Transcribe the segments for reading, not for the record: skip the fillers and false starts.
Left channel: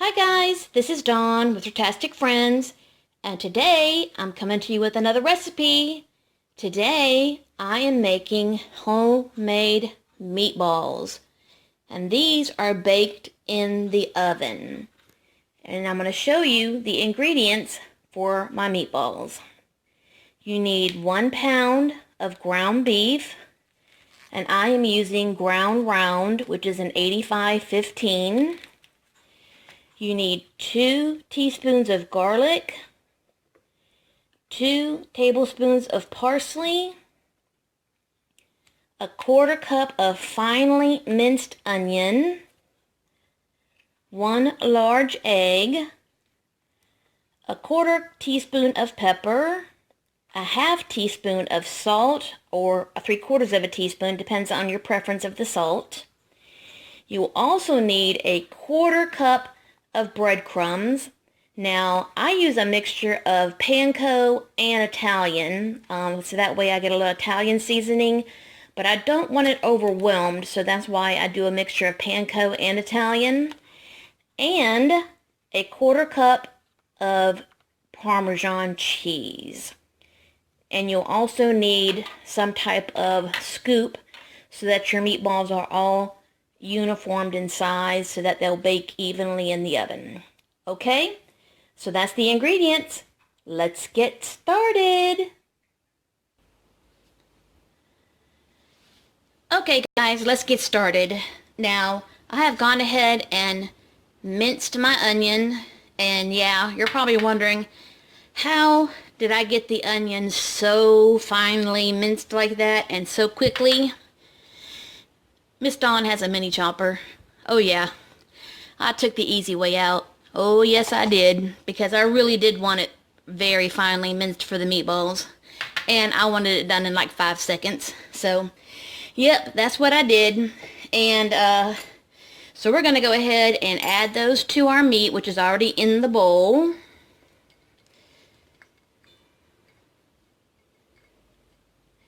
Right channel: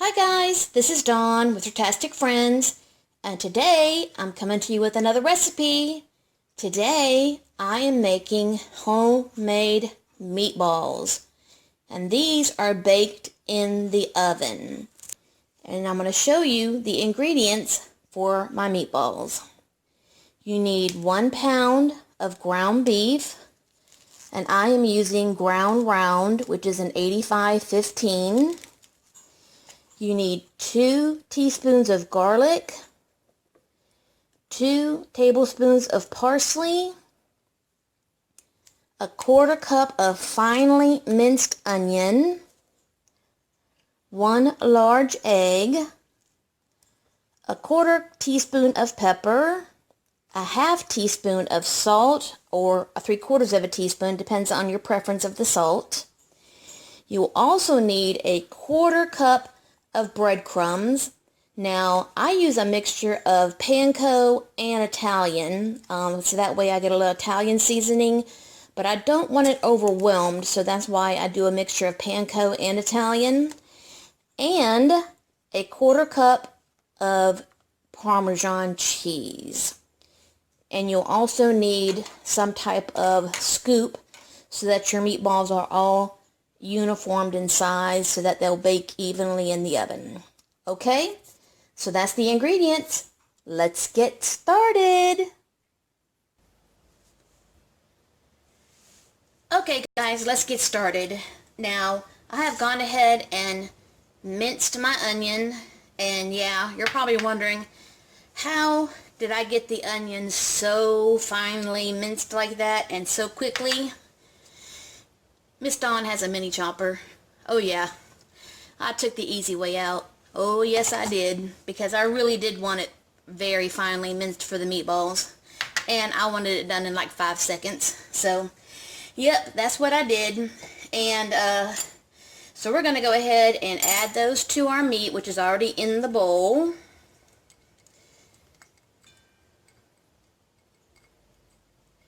Hi guys, this is Dawn with Furtastic Friends, and today I'm coming to you with another recipe. Today I am making homemade meatballs, and these are baked in the oven. And I'm going to show you the ingredients for my meatballs. You need 1 pound of ground beef, and I am using ground round, which is an 85/15. You need 2 teaspoons of garlic, 2 tablespoons of parsley, a 1/4 cup of finely minced onion, 1 large egg, a 1/4 teaspoon of pepper, a 1/2 teaspoon of salt, or 3/4 of a teaspoon, depends on your preference of the salt. You will also need a 1/4 cup of breadcrumbs. Now, I use a mixture of panko and Italian, so that way I get a little Italian seasoning, but I don't want it overwhelmed, so that's why I do a mixture of panko and Italian, and a 1/4 cup of Parmesan cheese. And you'll also need some type of scoop so that your meatballs are all uniformed in size so that they'll bake evenly in the oven. Okay, so that's the ingredients. Let's get started. Okay guys, let's get started. Now, I have gone ahead and minced my onion, and yeah, you're probably wondering, how did I get the onion so finely minced like that and so quickly? Miss Dawn has a mini chopper. Oh yeah, I took the easy way out. Oh yes I did, because I really did want it very finely minced for the meatballs, and I wanted it done in like 5 seconds. So yep, that's what I did. And so we're gonna go ahead and add those to our meat, which is already in the bowl.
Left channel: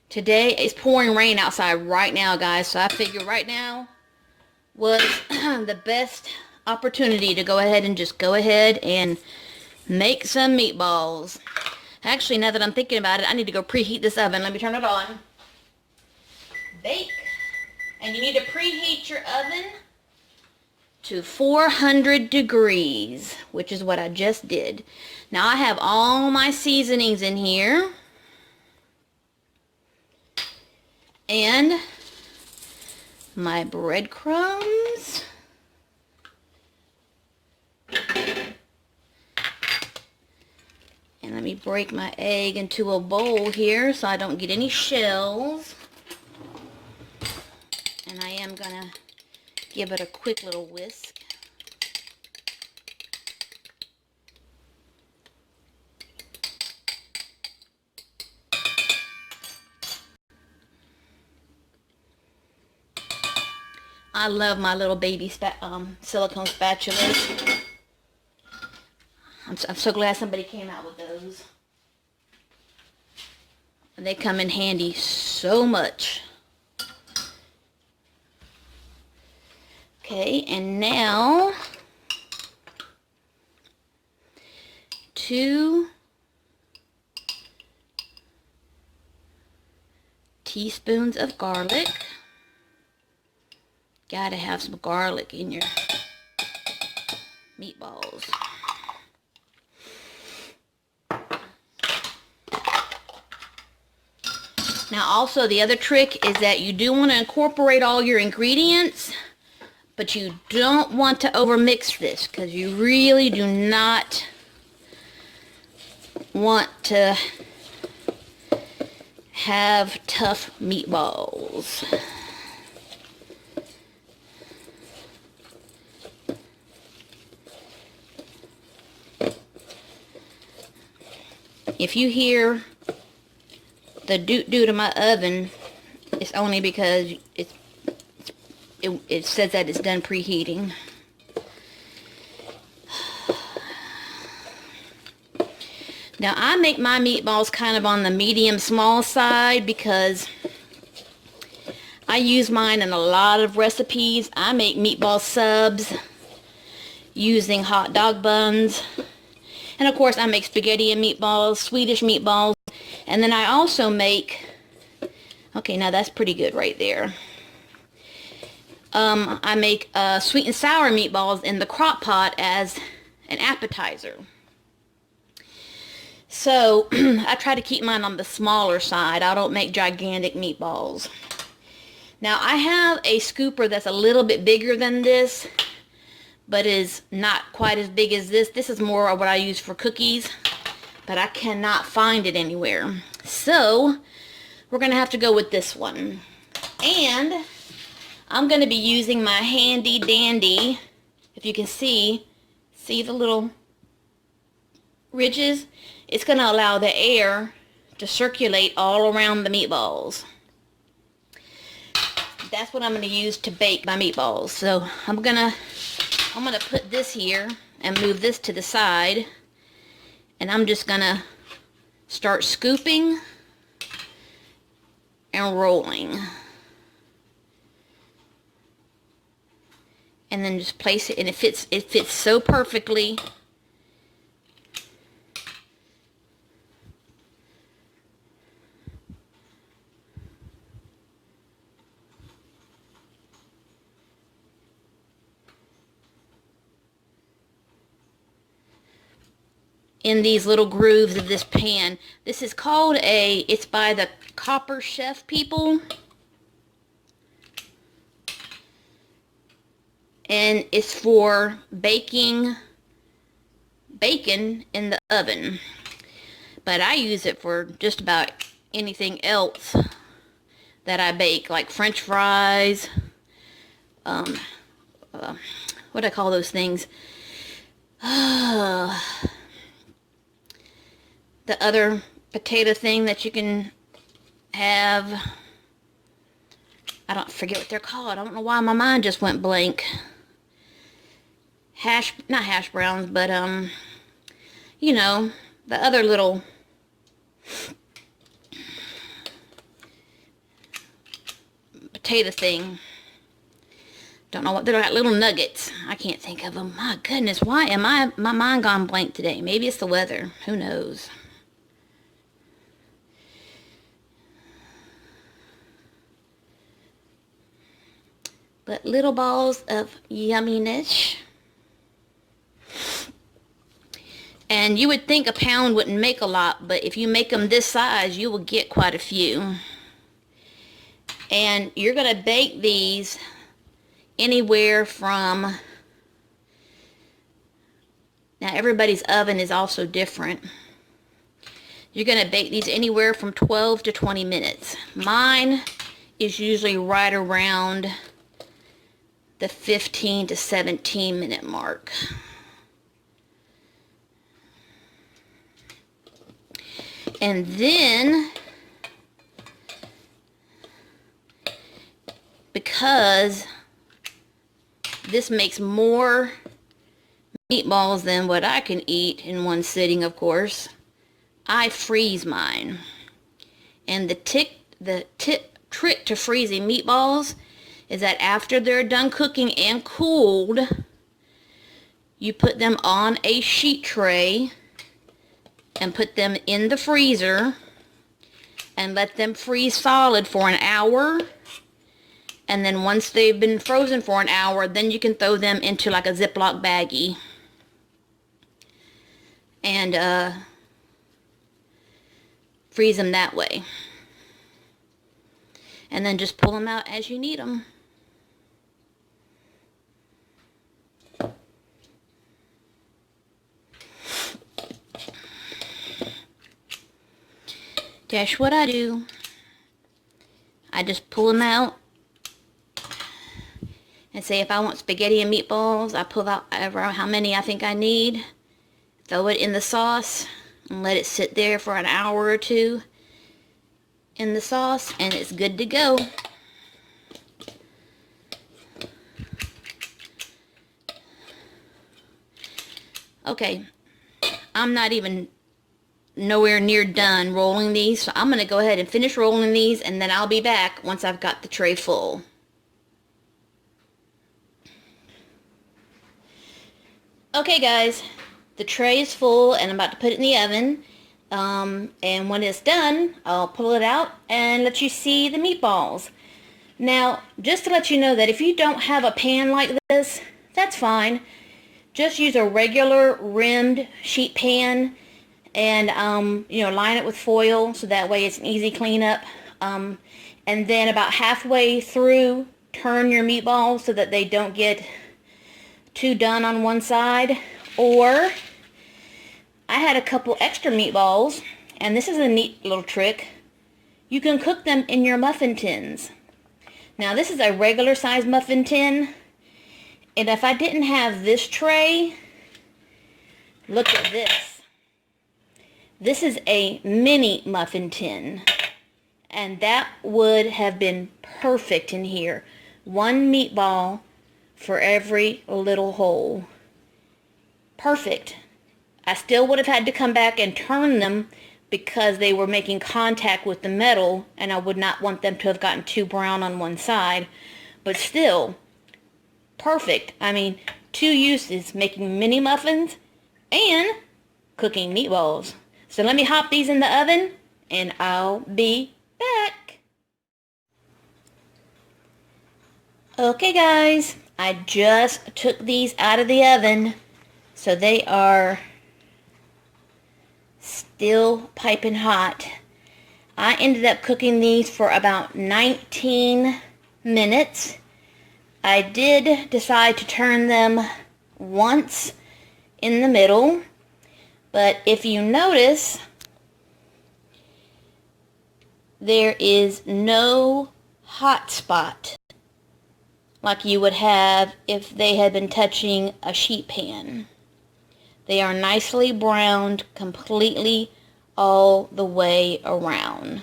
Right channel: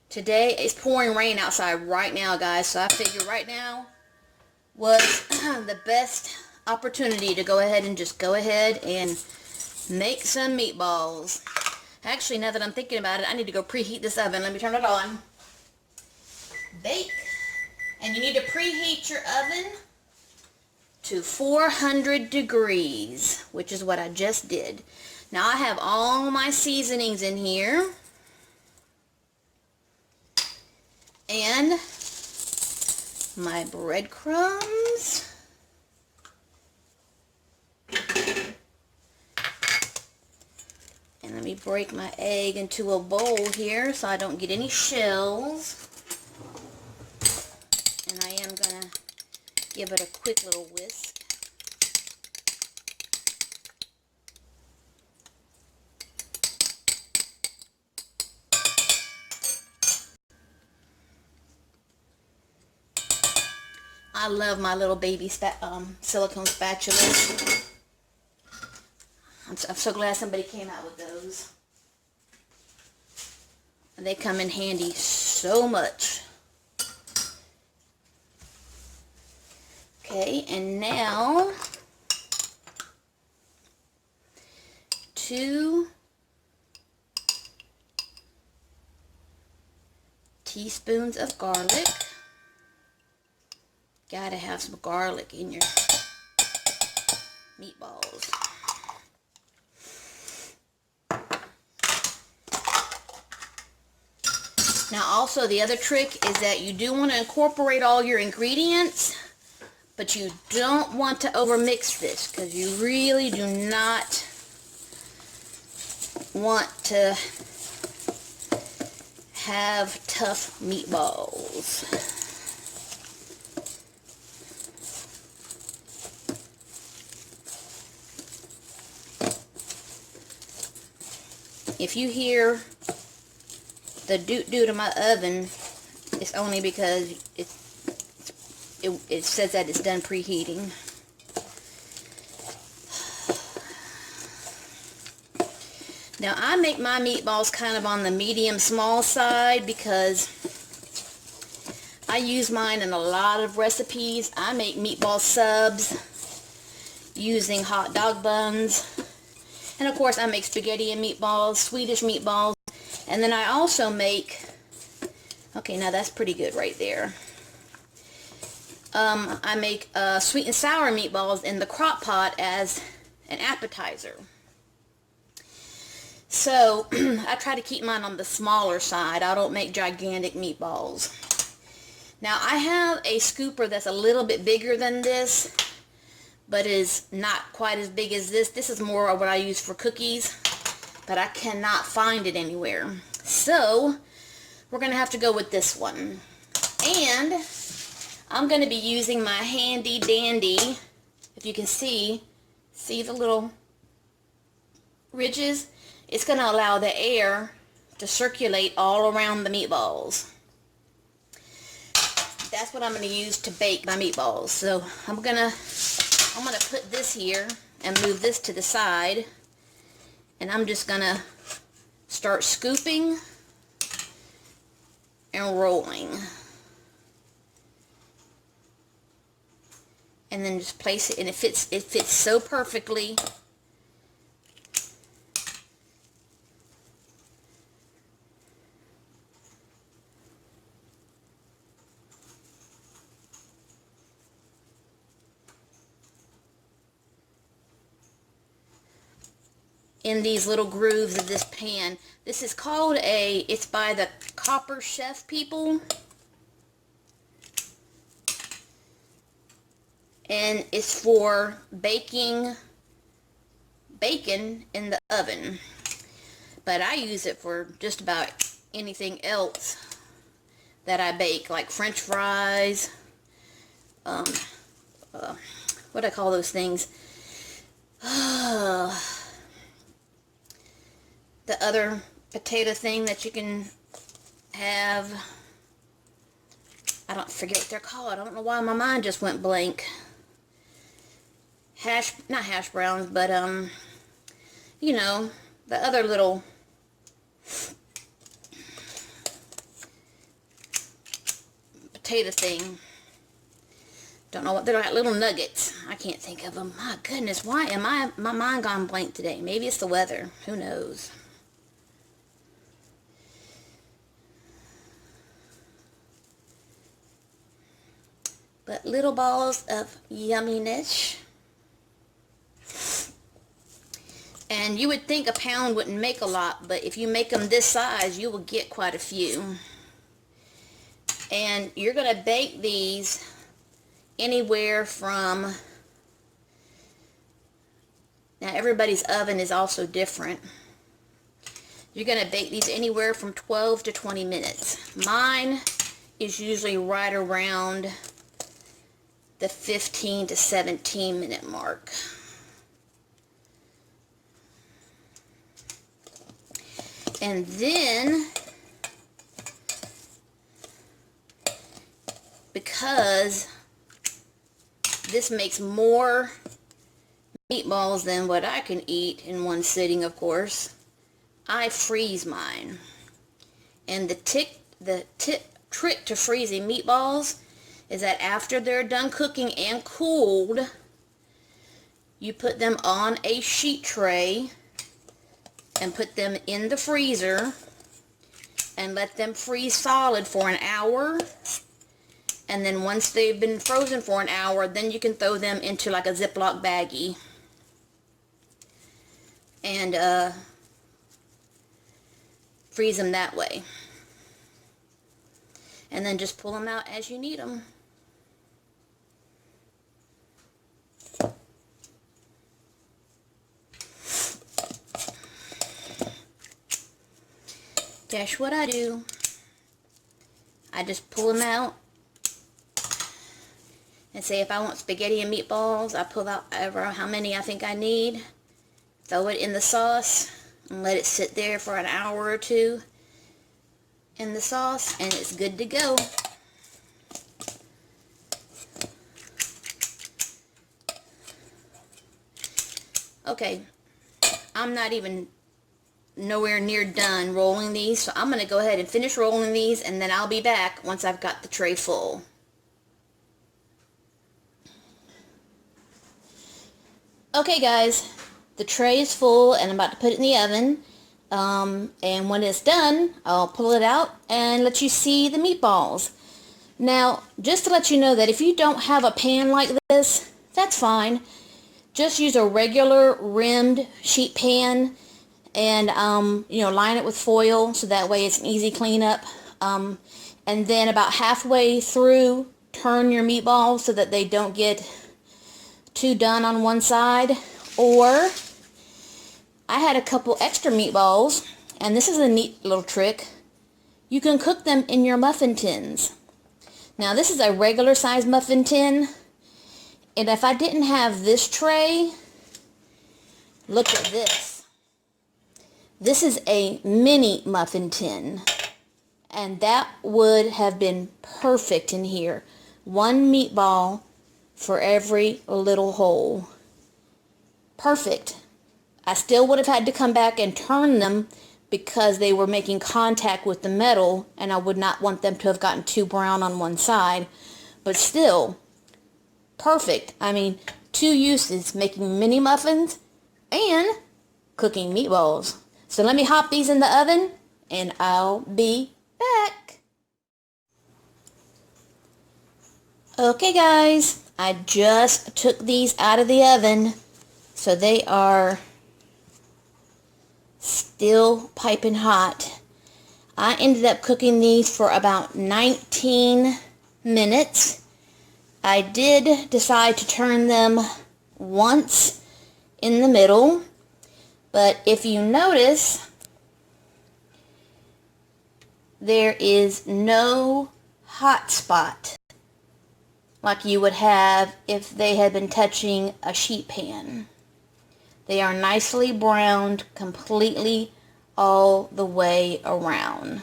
Today it's pouring rain outside right now, guys, so I figure right now was the best opportunity to go ahead and make some meatballs. Actually, now that I'm thinking about it, I need to go preheat this oven. Let me turn it on. Bake. And you need to preheat your oven to 400 degrees, which is what I just did. Now I have all my seasonings in here. And my breadcrumbs. And let me break my egg into a bowl here so I don't get any shells. And I am gonna give it a quick little whisk. I love my little baby silicone spatulas. I'm so glad somebody came out with those. They come in handy so much. Okay, and now 2 teaspoons of garlic. Gotta have some garlic in your meatballs. Now also, the other trick is that you do want to incorporate all your ingredients, but you don't want to overmix this, because you really do not want to have tough meatballs. If you hear the doot-doot of my oven, it's only because it says that it's done preheating. Now I make my meatballs kind of on the medium small side because I use mine in a lot of recipes. I make meatball subs, using hot dog buns. And of course I make spaghetti and meatballs, Swedish meatballs. And then I also make, okay, now that's pretty good right there. I make sweet and sour meatballs in the crock pot as an appetizer. So I try to keep mine on the smaller side. I don't make gigantic meatballs. Now I have a scooper that's a little bit bigger than this, but is not quite as big as this. This is more of what I use for cookies, but I cannot find it anywhere. So we're going to have to go with this one. And I'm going to be using my handy dandy, if you can see the little ridges? It's going to allow the air to circulate all around the meatballs. That's what I'm going to use to bake my meatballs. So I'm going to put this here and move this to the side. And I'm just going to start scooping and rolling. And then just place it, and it fits so perfectly. In these little grooves of this pan. This is called it's by the Copper Chef people. And it's for baking bacon in the oven. But I use it for just about anything else that I bake, like French fries, what do I call those things? The other potato thing that you can have, I don't forget what they're called. I don't know why my mind just went blank. Not hash browns, but you know, the other little potato thing. Don't know what they're like, little nuggets. I can't think of them. My goodness, why am my mind gone blank today? Maybe it's the weather. Who knows? But little balls of yumminess. And you would think a pound wouldn't make a lot, but if you make them this size, you will get quite a few. And you're going to bake these anywhere from, now everybody's oven is also different. You're going to bake these anywhere from 12 to 20 minutes. Mine is usually right around the 15 to 17 minute mark. And then, because this makes more meatballs than what I can eat in one sitting, of course, I freeze mine. And the trick to freezing meatballs is that after they're done cooking and cooled, you put them on a sheet tray and put them in the freezer and let them freeze solid for an hour. And then once they've been frozen for an hour, then you can throw them into like a Ziploc baggie and freeze them that way. And then just pull them out as you need them. That's what I do. I just pull them out and say if I want spaghetti and meatballs, I pull out how many I think I need, throw it in the sauce, and let it sit there for an hour or two in the sauce, and it's good to go. Okay, I'm not even nowhere near done rolling these, so I'm going to go ahead and finish rolling these, and then I'll be back once I've got the tray full. Okay guys, the tray is full and I'm about to put it in the oven. And when it's done, I'll pull it out and let you see the meatballs. Now, just to let you know that if you don't have a pan like this, that's fine. Just use a regular rimmed sheet pan and, line it with foil so that way it's an easy cleanup. And then about halfway through, turn your meatballs so that they don't get too done on one side. Or I had a couple extra meatballs, and this is a neat little trick. You can cook them in your muffin tins. Now this is a regular size muffin tin, and if I didn't have this tray, look at this. This is a mini muffin tin, and that would have been perfect in here. One meatball for every little hole. Perfect. I still would have had to come back and turn them because they were making contact with the metal, and I would not want them to have gotten too brown on one side. But still, perfect. I mean, two uses, making mini muffins and cooking meatballs. So let me hop these in the oven and I'll be back. Okay guys, I just took these out of the oven, so they are still piping hot. I ended up cooking these for about 19 minutes. I did decide to turn them once in the middle, but if you notice, there is no hot spot like you would have if they had been touching a sheet pan. They are nicely browned completely all the way around.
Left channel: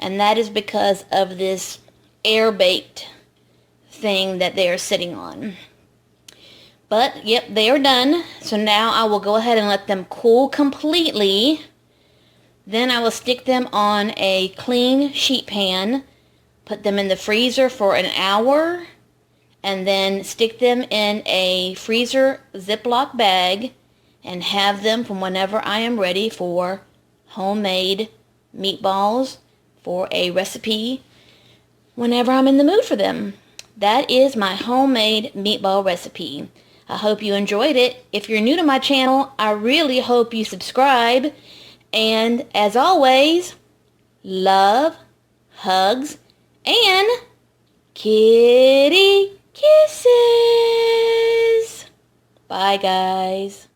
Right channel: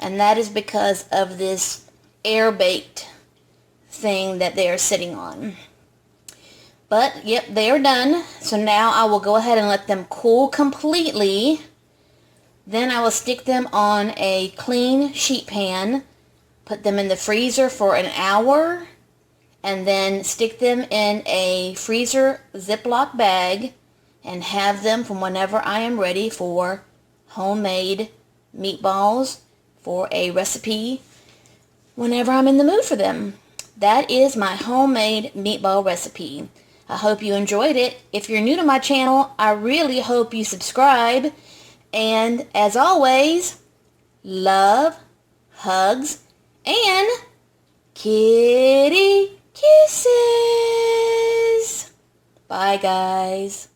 And that is because of this air-baked thing that they are sitting on. But, yep, they are done. So now I will go ahead and let them cool completely. Then I will stick them on a clean sheet pan, put them in the freezer for an hour, and then stick them in a freezer Ziploc bag and have them from whenever I am ready for homemade meatballs for a recipe whenever I'm in the mood for them. That is my homemade meatball recipe. I hope you enjoyed it. If you're new to my channel, I really hope you subscribe. And as always, love, hugs, and kitty kisses. Bye, guys.